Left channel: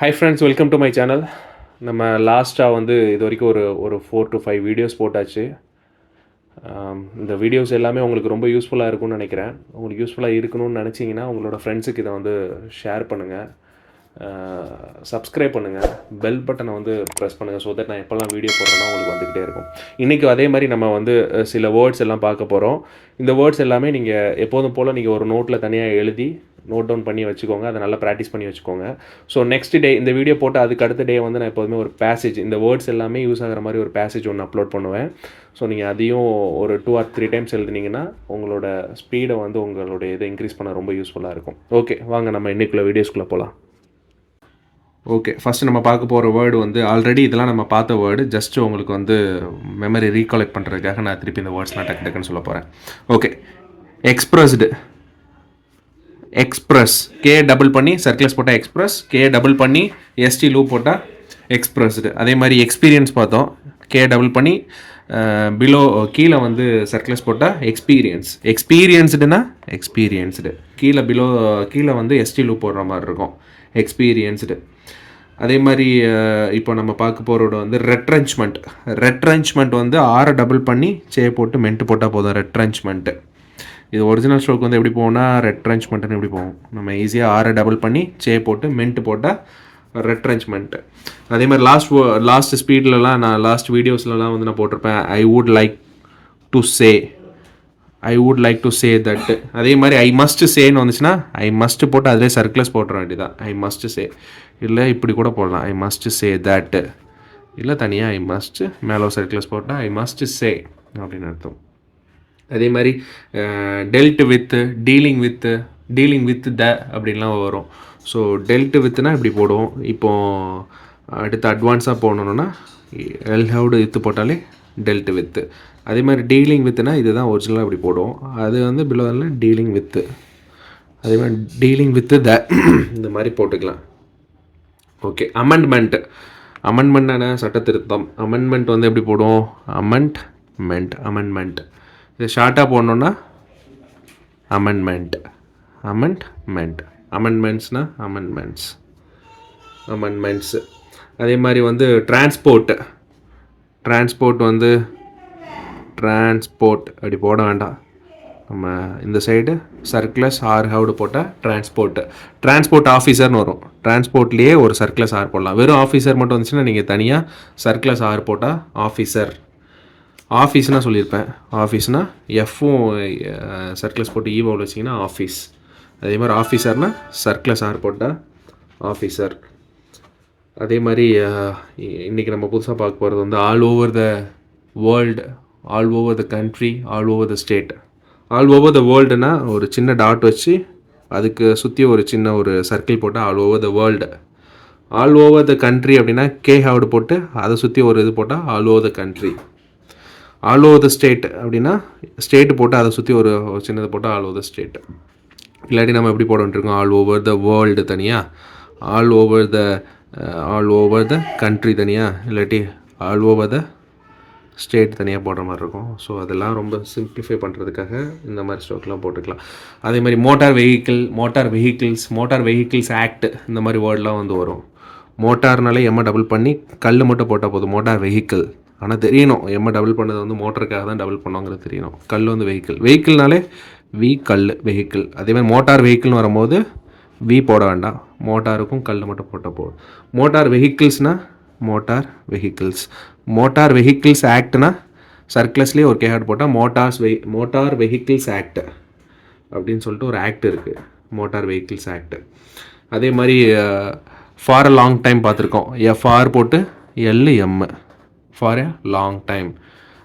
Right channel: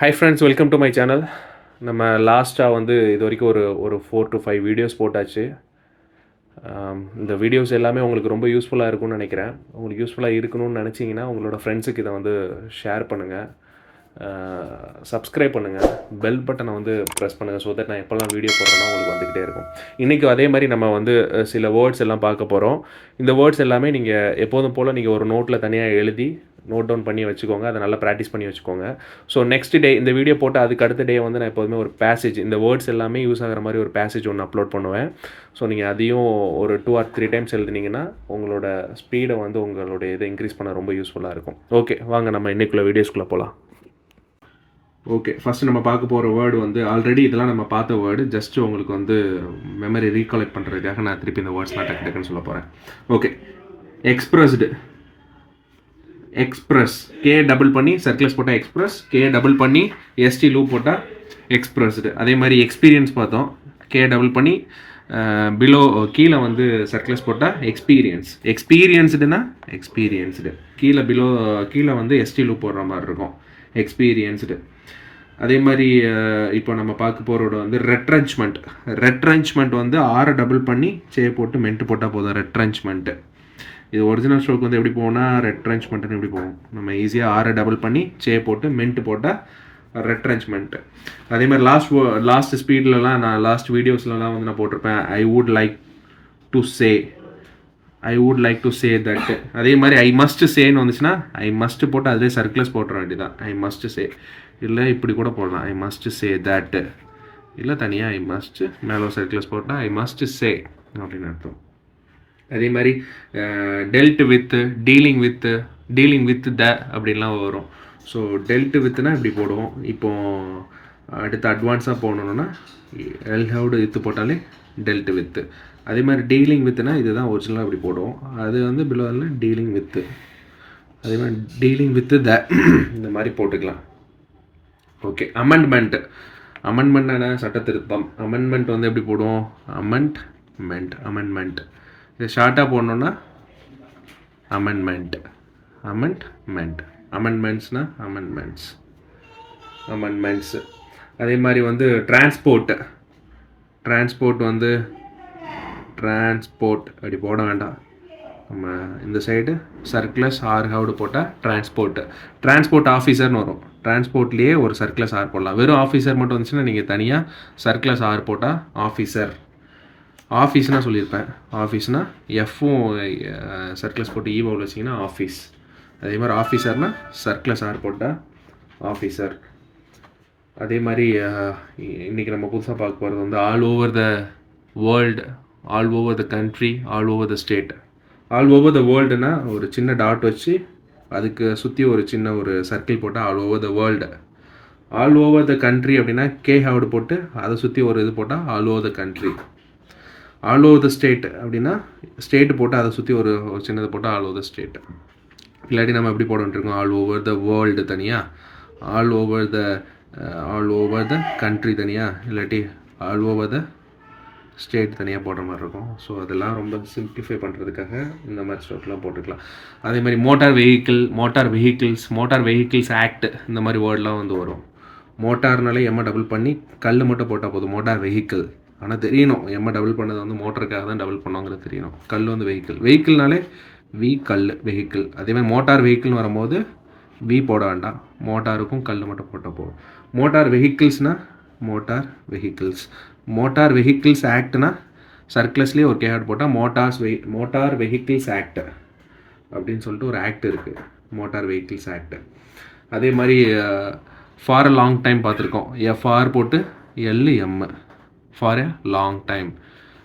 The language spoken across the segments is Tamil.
Hi friends, welcome to my channel. நம்ம லாஸ்ட்டாக வந்து இது வரைக்கும் ஒரு 4 to 5 வீடியோஸ் போட்டாச்சு. இந்த வீடியோஸ் எல்லாமே உங்களுக்கு ரொம்ப யூஸ்ஃபுல்லாக இருக்கும்னு நினைக்கிறேன். உங்களுக்கு யூஸ்ஃபுல்லாக இருக்கணும்னு நினச்சிங்கன்னா உங்களோட ஃப்ரெண்ட்ஸுக்கு இதை வந்து ஷேர் பண்ணுங்கள், சப்ஸ்கிரைப் பண்ணுங்கள், பெல் பட்டனை வந்து ப்ரெஸ் பண்ணுங்கள். ஸோ தட் நான் எப்போல்லாம் வீடியோ போடுறேன்னா உங்களுக்கு வந்துக்கிட்டே இருக்கும். இன்றைக்கி அதே மாதிரி நம்ம வந்து சில வேர்ட்ஸ் எல்லாம் பார்க்க போகிறோம். இந்த வேர்ட்ஸ் எல்லாமே நீங்கள் எப்போதும் போல் நீங்கள் ஒரு நோட்டில் தனியாக எழுதி நோட் டவுன் பண்ணி வச்சுக்கோங்க. அதை நல்லா ப்ராக்டிஸ் பண்ணி வச்சுக்கோங்க. ஸோ நெக்ஸ்ட் டே இந்த வீடியோ போட்டு அதுக்கு அடுத்த டே வந்து நான் எப்போதுமே ஒரு பேசேஜ், இந்த வேர்ட்ஸ் எல்லாமே யூஸ் ஆகிற மாதிரி ஒரு பேசேஜ் ஒன்று அப்லோட் பண்ணுவேன். ஸோ நீங்கள் அதையும் ஒரு 2 or 3 டைம்ஸ் எழுதுனீங்கன்னா உங்களோட ஸ்பீடை வந்து உங்களுடைய இதை இன்க்ரீஸ் பண்ண ரொம்ப யூஸ்ஃபுல்லாக இருக்கும். ஓகே, வாங்க நம்ம இன்றைக்குள்ள வீடியோஸ்குள்ளே போகலாம். ஓகே, ஃபஸ்ட்டு நம்ம பார்க்க போகிற வேர்டு வந்து ஆல்ரெடி இதெல்லாம் நம்ம பார்த்த வேர்டு. ஜஸ்ட்டு உங்களுக்கு வந்து மெமரி ரீகலெக்ட் பண்ணுறதுக்காக நான் திருப்பி இந்த வேர்ட்ஸ் நான் டக்குன்னு சொல்ல போகிறேன். Okay, expressed. Express, K double பண்ணி சர்க்கிள்ஸ் போட்டால் எக்ஸ்பிரஸ், கே டபுள் பண்ணி எஸ்டி லூப் போட்டால் எக்ஸ்பிரஸ்டு. அதே மாதிரி எக்ஸ்பீரியன்ஸ் பார்த்தோம், கே டபுள் பண்ணி பிலோ கீழே வந்து சர்க்கிள்ஸ் போட்டால் எக்ஸ்பீரியன்ஸ். எக்ஸ்பீரியன்ஸ்டுனா எக்ஸ்பீரியன்ஸ்டு, கீழே பிலோ கீழே வந்து எஸ்டி லூப் போடுற மாதிரி இருக்கும், எக்ஸ்பீரியன்ஸ்டு. அதே மாதிரி இப்போ நம்ம பார்க்க போகிறோட வந்து ரெட்ரன்ச்மெண்ட். ரெட்ரன்ச்மெண்ட் வந்து ஆரை டபுள் பண்ணி சே போட்டு மென்ட்டு போட்டால் போதும், ரெட்ரன்ச்மெண்ட்டு. இது ஒரிஜினல் ஸ்ட்ரோக் வந்து எப்படி போகும்னா ரெட்ரன்ச்மெண்ட்டுன்னு எப்படி போகும், நம்ம ஈஸியாக ஆரை டபுள் பண்ணி சே போட்டு மென்ட்டு போட்டால் ரெட்ரன்ச்மெண்ட்டு. அதே மாதிரி லாஸ்ட் ஸ்பீட்லலாம் நான் லாஸ்ட் வீடியோஸ்லலாம் வந்து நான் போட்டிருப்பேன் I would like to say, I would like to say that. அதே மாதிரி ஐ மஸ்ட் சேன்னு வந்துச்சுன்னா ஐ மஸ்ட் போட்டு அதிலே சர்க்கிள்ஸ் போட்டுற வேண்டியதான், ஐ மஸ்ட் சே. இல்லை இப்படி கூட போடலாம், ஐ மஸ்ட் சே தட். இல்லை தனியாக ஐ மஸ்ட் மேலே சர்க்கிள்ஸ் போட்டால் ஐ மஸ்ட் சே அப்படின்னு அர்த்தம். அதே மாதிரி dealt with, dealing with the அப்படின்லாம் வரும். ஸோ டெல்ட் வித்துனா இப்படி போடுவோம். இப்போது அடுத்து அட்வான்ஸாக போகணுன்னா எல்ஹவுடு வித்து போட்டாலே டெல்ட் வித்து. அதே மாதிரி டீலிங் வித்துனா இதுதான் ஒரிஜினலாக இப்படி போடுவோம், அது வந்து பிலோவில் டீலிங் வித்து. அதே மாதிரி டீலிங் வித்து த இந்த மாதிரி போட்டுக்கலாம். ஓகே, அமெண்ட்மெண்ட்னா சட்ட திருத்தம். அமெண்ட்மெண்ட் வந்து எப்படி போடுவோம், அமெண்ட்மெண்ட். இது ஷார்ட்டாக போடணுன்னா அமெண்ட்மெண்ட்ஸ்னா அமெண்ட்மெண்ட்ஸ். அதே மாதிரி வந்து டிரான்ஸ்போர்ட் வந்து டிரான்ஸ்போர்ட் அப்படி போட வேண்டாம், நம்ம இந்த சைடு சர்க்கிளஸ் ஆர் ஹவுடு போட்டால் டிரான்ஸ்போர்ட் ஆஃபீஸர்னு வரும். டிரான்ஸ்போர்ட்லேயே ஒரு சர்க்கிளஸ் ஆர் போடலாம். வெறும் ஆஃபீஸர் மட்டும் வந்துச்சுன்னா நீங்கள் தனியாக சர்க்கிளஸ் ஆர் போட்டால் ஆஃபீஸர். ஆஃபீஸ்னால் சொல்லியிருப்பேன், ஆஃபீஸ்னால் எஃப்பும் சர்க்கிளஸ் போட்டு ஈவோவில் வச்சிங்கன்னா ஆஃபீஸ். அதே மாதிரி ஆஃபீஸர்னால் சர்க்கிளஸ் ஆர் போட்டால் ஆஃபீஸர். அதே மாதிரி இன்றைக்கி நம்ம புதுசாக பார்க்க போகிறது வந்து all over the world, all over the country, all over the state. All over the வேர்ல்டுனா ஒரு சின்ன டாட் வச்சு அதுக்கு சுற்றி ஒரு சின்ன ஒரு சர்க்கிள் போட்டால் all over the world. All over the country அப்படின்னா கே ஹவுடு போட்டு அதை சுற்றி ஒரு இது போட்டால் all over the country. All over the state அப்படின்னா ஸ்டேட்டு போட்டு அதை சுற்றி ஒரு சின்னதை போட்டால் ஆல் ஓவர் த ஸ்டேட். இல்லாட்டி நம்ம எப்படி போட வேண்டியிருக்கோம், ஆல் ஓவர் த வேர்ல்டு தனியாக, ஆல் ஓவர் த கண்ட்ரி தனியாக, இல்லாட்டி ஆல் ஓவர் த ஸ்டேட் தனியாக போடுற மாதிரி இருக்கும். ஸோ அதெல்லாம் ரொம்ப சிம்பிளிஃபை பண்ணுறதுக்காக இந்த மாதிரி ஸ்ட்ரோக்லாம் போட்டுக்கலாம். அதே மாதிரி மோட்டார் வெஹிக்கிள்ஸ் ஆக்ட் இந்த மாதிரி வேர்டெலாம் வந்து வரும். மோட்டார்னாலே எம்மை டபுள் பண்ணி கல் மட்டும் போட்டால் போதும், மோட்டார் வெஹிக்கிள். ஆனால் தெரியணும் எம்மை டபுள் பண்ணது வந்து மோட்டருக்காக தான் டபுள் பண்ணோங்கிறது தெரியணும். கல் வந்து வெஹிக்கிள்னாலே வெஹிக்கிள். அதே மாதிரி மோட்டார் வெஹிக்கிள்னு வரும்போது வி போட வேண்டாம், மோட்டாருக்கும் கல் மட்டும் போட்டால் போதும். மோட்டார் வெஹிக்கிள்ஸ் ஆக்ட்னா சர்க்கிளஸ்லேயே ஒரு கேஹாட் போட்டால் மோட்டார் வெஹிக்கிள்ஸ் ஆக்ட் அப்படின்னு சொல்லிட்டு ஒரு ஆக்ட் இருக்குது, மோட்டார் வெஹிக்கிள்ஸ் ஆக்ட். அதே மாதிரி ஃபார் அ லாங் டைம் பார்த்துருக்கோம், எஃப்ஆர் போட்டு LM, for a long time.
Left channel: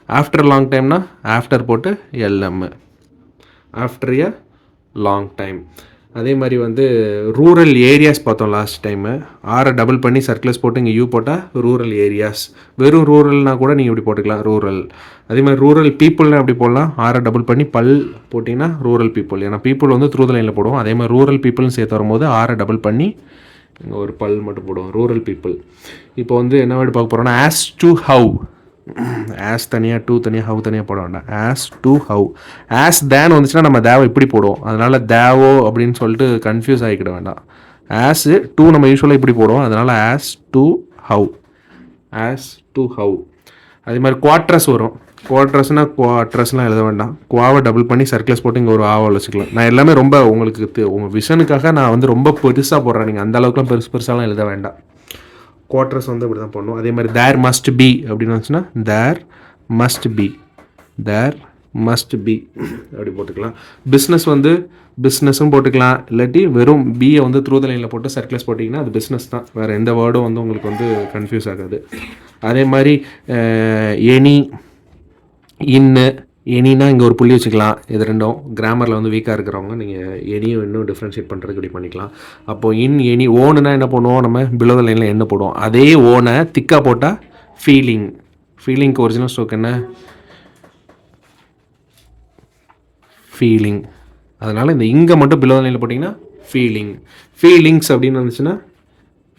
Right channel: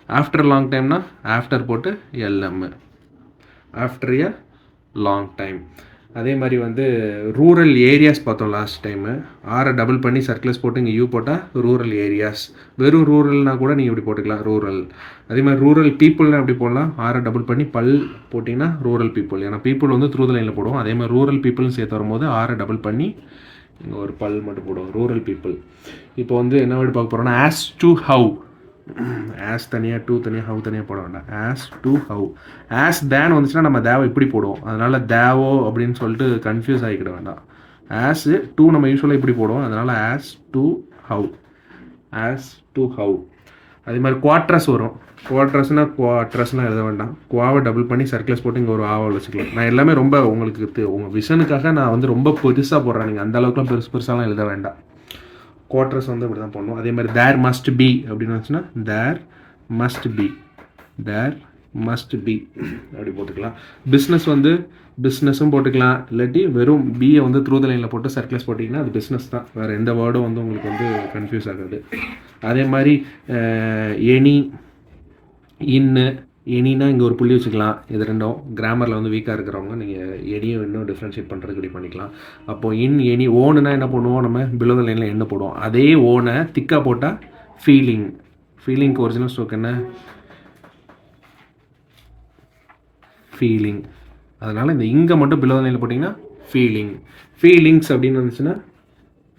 After long டைம்னா ஆஃப்டர் போட்டு LM, after a long time. அதே மாதிரி வந்து ரூரல் ஏரியாஸ் பார்த்தோம் லாஸ்ட் டைமு, ஆரை டபுள் பண்ணி சர்க்கிளஸ் போட்டு இங்கே யூ போட்டால் ரூரல் ஏரியாஸ். வெறும் ரூரல்னால் கூட நீங்கள் இப்படி போட்டுக்கலாம், ரூரல். அதே மாதிரி ரூரல் பீப்புள்னா எப்படி போடலாம், ஆரை டபுள் பண்ணி பல் போட்டிங்கன்னா ரூரல் பீப்புள். ஏன்னா பீப்புள் வந்து த்ரூ த லைனில் போடுவோம். அதே மாதிரி ரூரல் பீப்புள்னு சேர்த்து வரும்போது ஆரை டபுள் பண்ணி இங்கே ஒரு பல் மட்டும் போடுவோம், ரூரல் பீப்புள். இப்போ வந்து என்ன வேர்டு பார்க்க போகிறோன்னா ஆஸ் டு ஹவ். ஆஸ் தனியாக, டூ தனியாக, ஹவ் தனியாக போட வேண்டாம், ஆஸ் டு ஹவ். ஆஸ் தேன் வந்துச்சுன்னா நம்ம தேவை இப்படி போடுவோம், அதனால் தேவோ அப்படின்னு சொல்லிட்டு கன்ஃபியூஸ் ஆகிக்கிட வேண்டாம். ஆஸ் டு நம்ம யூஸ்வலாக இப்படி போடுவோம், அதனால் as to how, as to how. அதே மாதிரி குவாட்ரஸ் வரும். குவாட்ரஸ்னால் குவாட்ரஸ்லாம் எழுத வேண்டாம், குவாவை டபுள் பண்ணி சர்க்கிள்ஸ் போட்டு இங்கே ஒரு ஆவை வச்சுக்கலாம். நான் எல்லாமே ரொம்ப உங்களுக்கு உங்கள் விஷனுக்காக நான் வந்து ரொம்ப பெருசாக போடுறேன், நீங்கள் அந்த அளவுக்குலாம் பெருசாலாம் எழுத வேண்டாம். குவாட்ரஸ் வந்து இப்படி தான் பண்ணுவோம். அதே மாதிரி தேர் மஸ்ட் பி அப்படின்னு வந்துச்சுன்னா there must be, there must be அப்படி போட்டுக்கலாம். பிஸ்னஸ் வந்து பிஸ்னஸும் போட்டுக்கலாம், இல்லாட்டி வெறும் பியை வந்து த்ரூ த லைனில் போட்டு சர்க்கிள்ஸ் போட்டிங்கன்னா அது பிஸ்னஸ் தான், வேறு எந்த வேர்டும் வந்து உங்களுக்கு வந்து கன்ஃபியூஸ் ஆகாது. அதே மாதிரி எனி, இன்னு, எனினா இங்கே ஒரு புள்ளி வச்சுக்கலாம். இது ரெண்டும் கிராமரில் வந்து வீக்காக இருக்கிறவங்க நீங்கள் எனியும் இன்னும் டிஃப்ரென்ஷியேட் பண்ணுறதுக்கு இப்படி பண்ணிக்கலாம். அப்போது இன், எனி, ஓனுனா என்ன பண்ணுவோம், நம்ம பிலோ த லைனில் என்ன போடுவோம், அதே ஓனை திக்காக போட்டால் ஃபீலிங். ஃபீலிங்க்கு ஒரிஜினல் ஸ்ட்ரோக் என்ன, ஃபீலிங். அதனால் இந்த இங்கே மட்டும் பிலோ த லைனில் போட்டிங்கன்னா ஃபீலிங். ஃபீலிங்ஸ் அப்படின்னு வந்துச்சுன்னா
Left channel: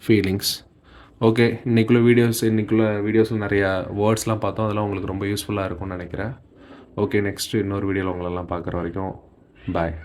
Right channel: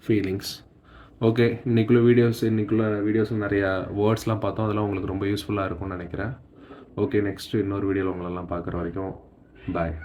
ஃபீலிங்ஸ். ஓகே, இன்றைக்குள்ள வீடியோஸில் நிறையா வேர்ட்ஸ்லாம் பார்த்தோம், அதெல்லாம் உங்களுக்கு ரொம்ப யூஸ்ஃபுல்லாக இருக்கும்னு நினைக்கிறேன். ஓகே, நெக்ஸ்ட்டு இன்னொரு வீடியோவில் உங்களெல்லாம் பார்க்குற வரைக்கும் பாய்.